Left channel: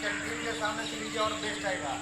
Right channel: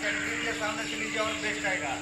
Canteen के सामने से लीजिए और बेस्ट आएगा।